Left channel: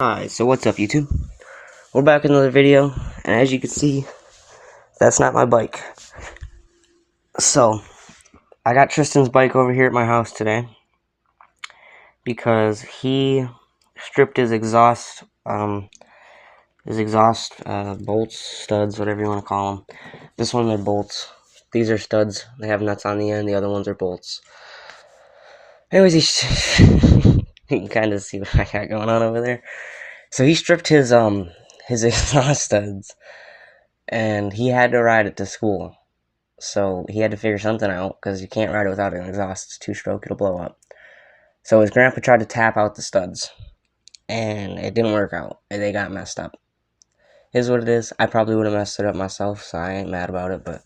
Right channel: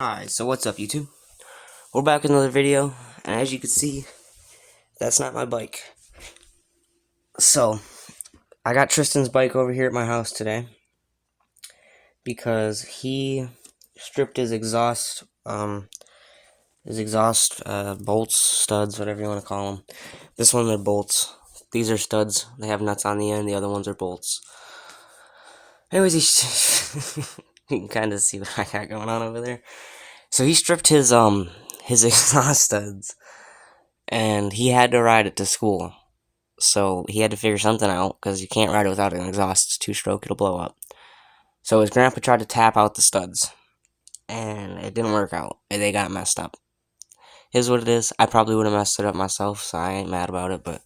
Alright, so what's up YouTube? We're back in another video, and as you can see, that's not my bike. So, I got Tristan's bike over here at my house today, because he stripped his exhaust, bolts, studs, whatever you want to call them. This one, they're bolts. These are studs, they have nuts on the end, the other ones are bolts. Anyways, you can kind of see what I got going on over there. So he stripped his exhaust studs, and he had to ride it to school. So he had to figure something out, because you can't ride it without an exhaust. It's two-stroke, it'll blow up. So his grandpa tried to tap out the studs, and it didn't work out, and they got messed up. Here's what it is. I probably would have messed it up myself, so I ain't mad about it, but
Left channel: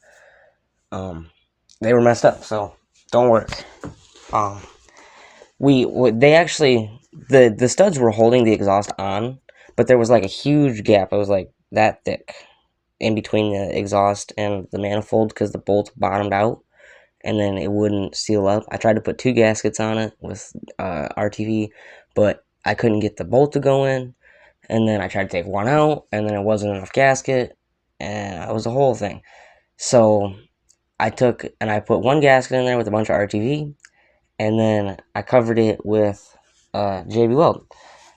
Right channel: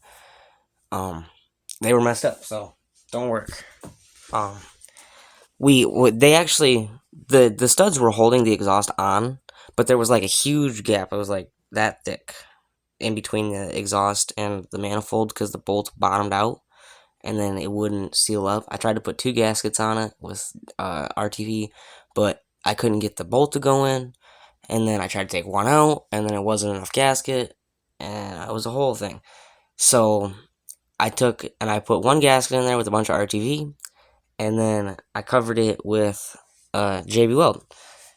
they were messed up, so don't worry. They actually, the studs were holding the exhaust on, but there was like a huge gap. It was like that thick in between the exhaust and the manifold, because the bolts bottomed out and then it wouldn't seal up. I tried to put 2 gaskets on it with RTV, but I couldn't get the bolt to go in, and then I tried to take one out, and then it wasn't enough gasket, and it was a whole thing. So I took and I put 1 gasket in there with a bunch of RTV, and then I covered it with JB Weld.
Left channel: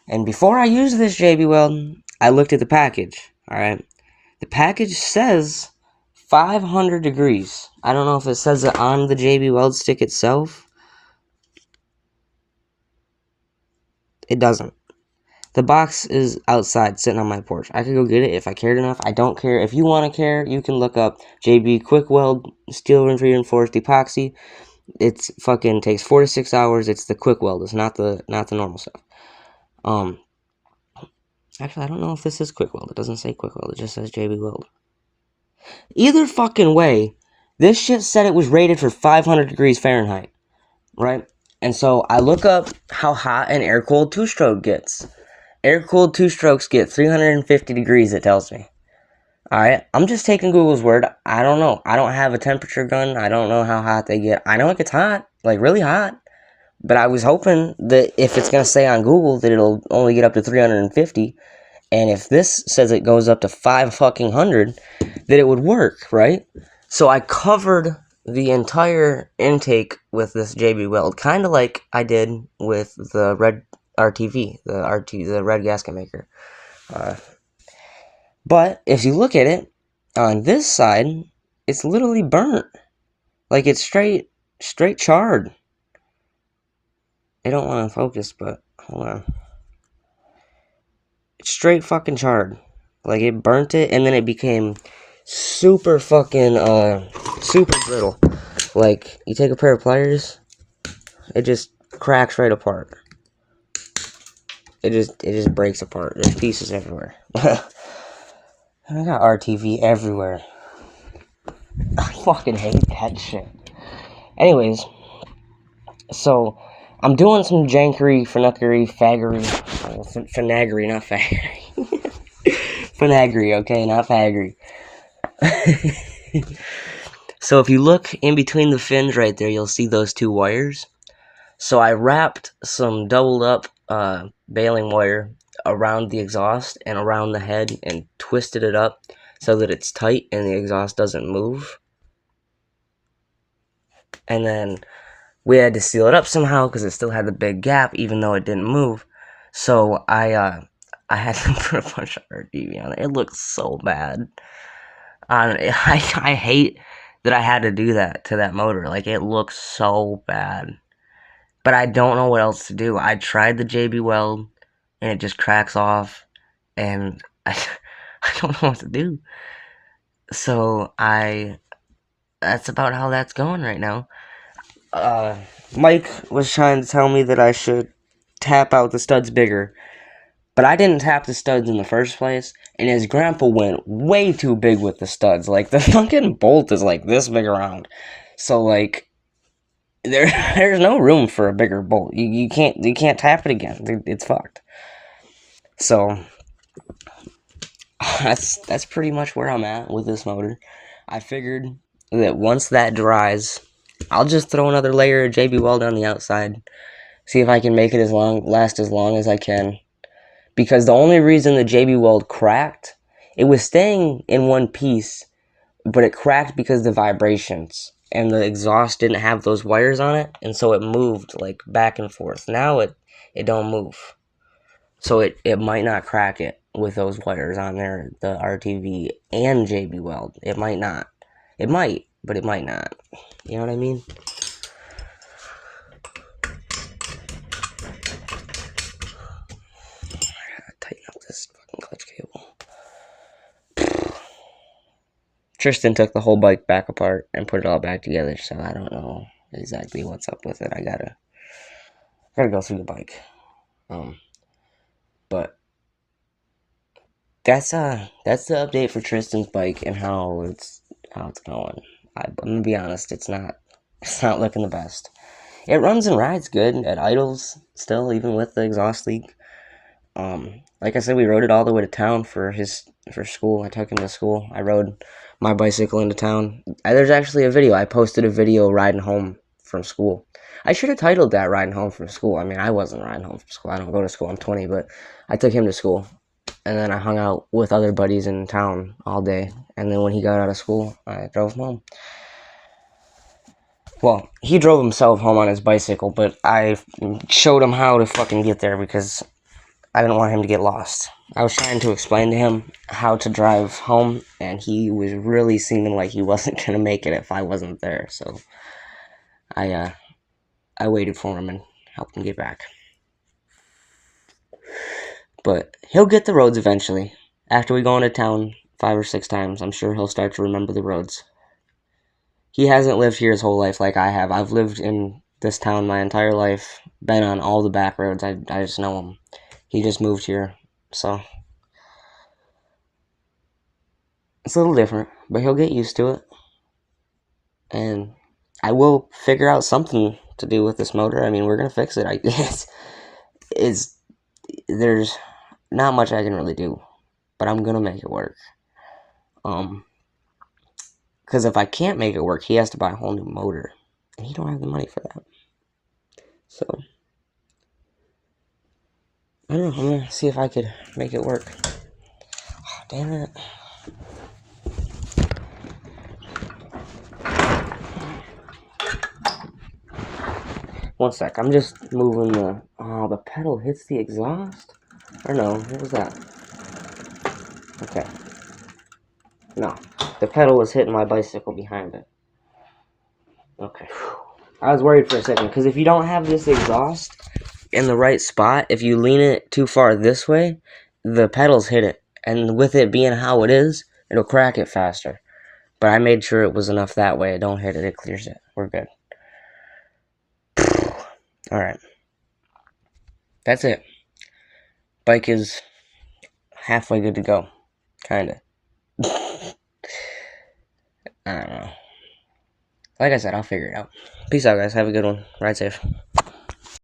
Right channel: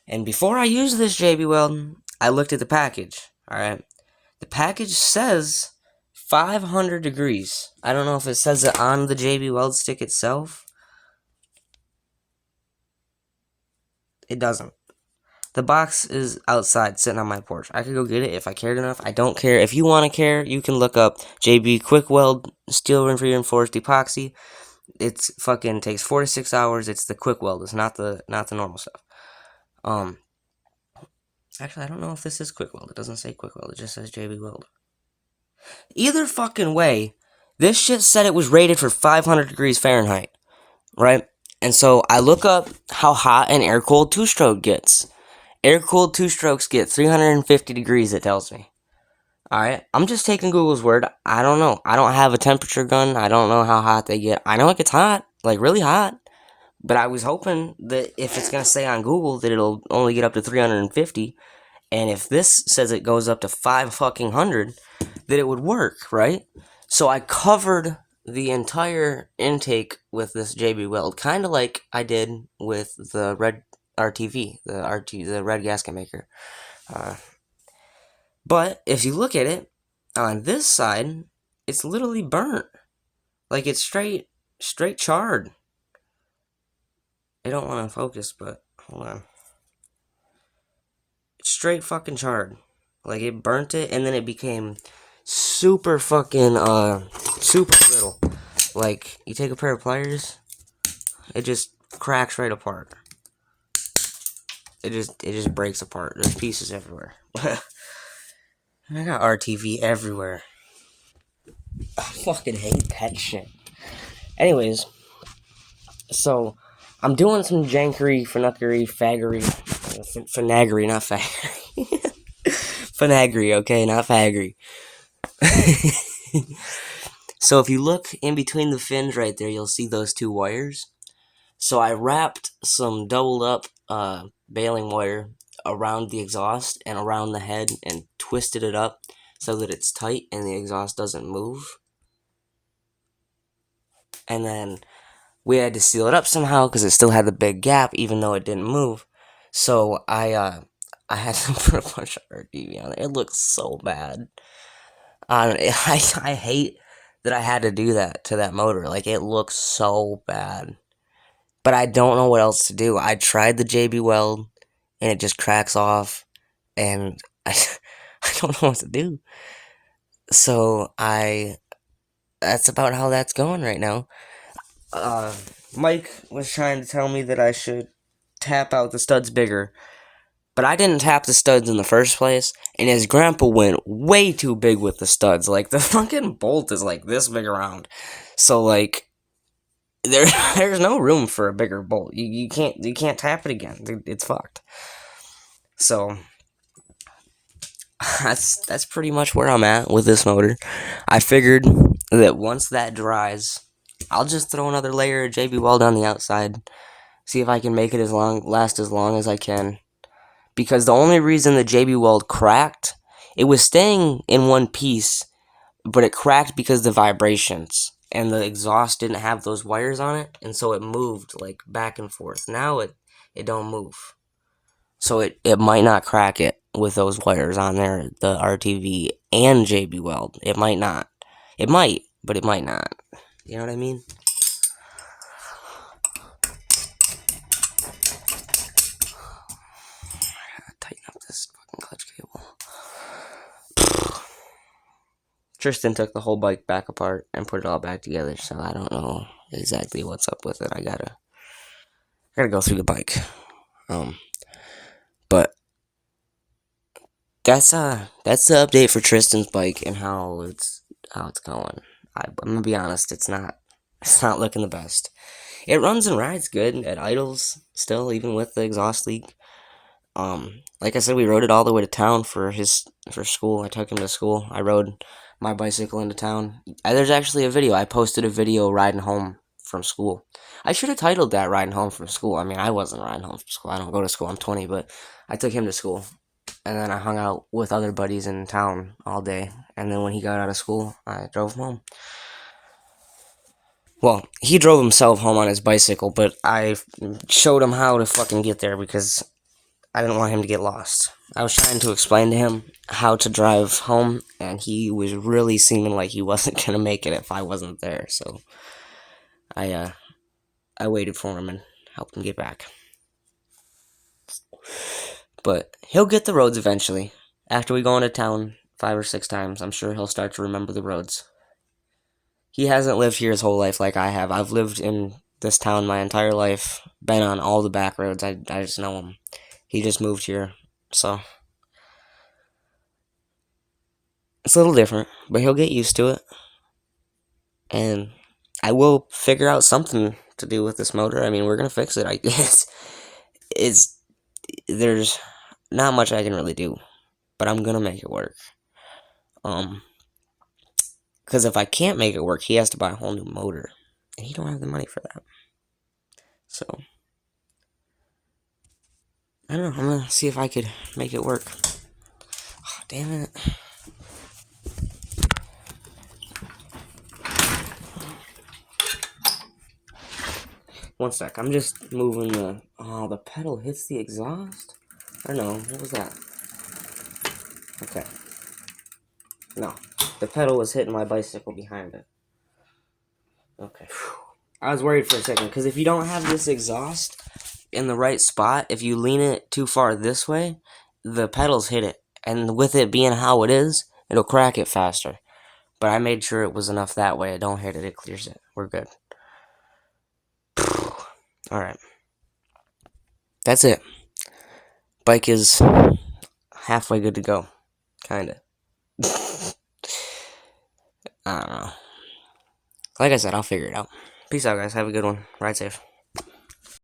And before I used this JB Weld, I looked at the package, alright? The package says 500 degrees. I don't know if it says it on the JB Weld stick itself. It doesn't. The box is outside, sitting on my porch. I could go get it if I cared enough. I don't care. If you want to care, you can look up JB Quick Weld Steel Reinforced Epoxy. It's fucking takes 4 to 6 hours. It's the quick weld. It's not the normal stuff. Actually, I don't know if this is quick weld. It doesn't say quick weld. It just says JB Weld. Either fucking way, this shit said it was rated for 500 degrees Fahrenheit, right? And so I look up how hot an air-cooled 2-stroke gets. Air-cooled 2-strokes get 350 degrees, it tells me. Alright, I'm just taking Google's word. I don't know. I don't have a temperature gun. I don't know how hot they get. I know it gets hot, like really hot. But I was hoping that if it's going to say on Google that it'll only get up to 350, and if this says it goes up to 500, that it would work, right? So I covered the entire intake with this JB Weld, kind of like I did with the red RTV, the red gasket maker. But if you look at it, on this side, it's literally burnt. Like, it's straight charred. I don't want to focus, but hold on. It's straight fucking charred. Like, it burnt it, and then it became super fucking, super brittle. Like, you take a pair of pliers, it just cracks right apart. It just breaks apart. There's pieces everywhere. And I got RTV everywhere. I fucking hate that shit. Anyways, so I'm doing some jankery, finaggery, not faggery. Finaggery, okay, not faggery. So if you look in between the fins right there, you'll see those 2 wires. So I wrapped some doubled up baling wire around the exhaust and around the head and twisted it up so that it's tight and the exhaust doesn't move. And then we had to seal it up somehow because it still had the big gap even though it didn't move. So I had to put a bunch of RTV on it. It looks so bad. I hate that I had to do that to that motor. Like, it looks so bad. But I don't know what else to do. I tried the JB Weld, and it just cracks off, and I don't know what to do. So that's about how that's going right now. Mike was trying to tell me that I should tap out the studs bigger, but I didn't tap the studs in the first place, and his grandpa went way too big with the studs. Like, the fucking bolt is like this big around. So, like, there's no room for a bigger bolt. You can't tap it again. It's fucked. So that's pretty much where I'm at with this motor. I figured that once that dries, I'll just throw another layer of JB Weld on the outside, see if I can make it last as long as I can. because the only reason the JB Weld cracked, it was staying in one piece, but it cracked because of the vibrations, and the exhaust didn't have those wires on it, and so it moved like back and forth. Now it don't move, so it might not crack it with those wires on there, the RTV and JB Weld. It might not. It might, but it might not. You know what I mean? Tighten up this fucking clutch cable. Tristan took the whole bike back apart and put it all back together, so I don't know exactly what's up with it. I gotta go through the bike. But that's the update for Tristan's bike and how it's going. I'm gonna be honest, it's not looking the best. It runs and rides good. It idles still, even with the exhaust leak. Like I said, we rode it all the way to town for school. I took him to school. I rode my bicycle into town. There's actually a video. I posted a video riding home from school. I should have titled that "Riding Home from School." I mean, I wasn't riding home from school. I don't go to school. I'm 20, but I took him to school, and then I hung out with other buddies in town all day. And then when he got out of school, I drove him home. Well, he drove himself home on his bicycle, but I showed him how to fucking get there because I didn't want him to get lost. I was trying to explain to him how to drive home, and he was really seeming like he wasn't gonna make it if I wasn't there. So I waited for him and helped him get back. But he'll get the roads eventually. After we go into town 5 or 6 times, I'm sure he'll start to remember the roads. He hasn't lived here his whole life like I have. I've lived in this town my entire life, been on all the back roads. I just know him. He just moved here, so it's a little different, but he'll get used to it. And I will figure out something to do with this motor. I mean, we're gonna fix it. I guess there's not much I can really do, but I'm gonna make it work. Because if I can't make it work, he has to buy a whole new motor, and he don't have the money for that. So I don't know. I'm gonna see if I could make it work. Oh, damn it. One sec, I'm just moving the pedal hits the exhaust? Or no, what was that? Okay. No, the pedal was hitting my bicycle behind it. Okay. I was worried for a second, because if you don't have this exhaust in the right spot, if you lean it too far this way, the pedals hit it. And with it being how it is, it'll crack it faster. But I made sure it was enough that way. It don't hit it, it clears it. We're good. Alright. That's it. Bike is halfway good to go. Kinda. I don't know. Like I said, I'll figure it out. Peace out, guys. Have a good one. Ride safe.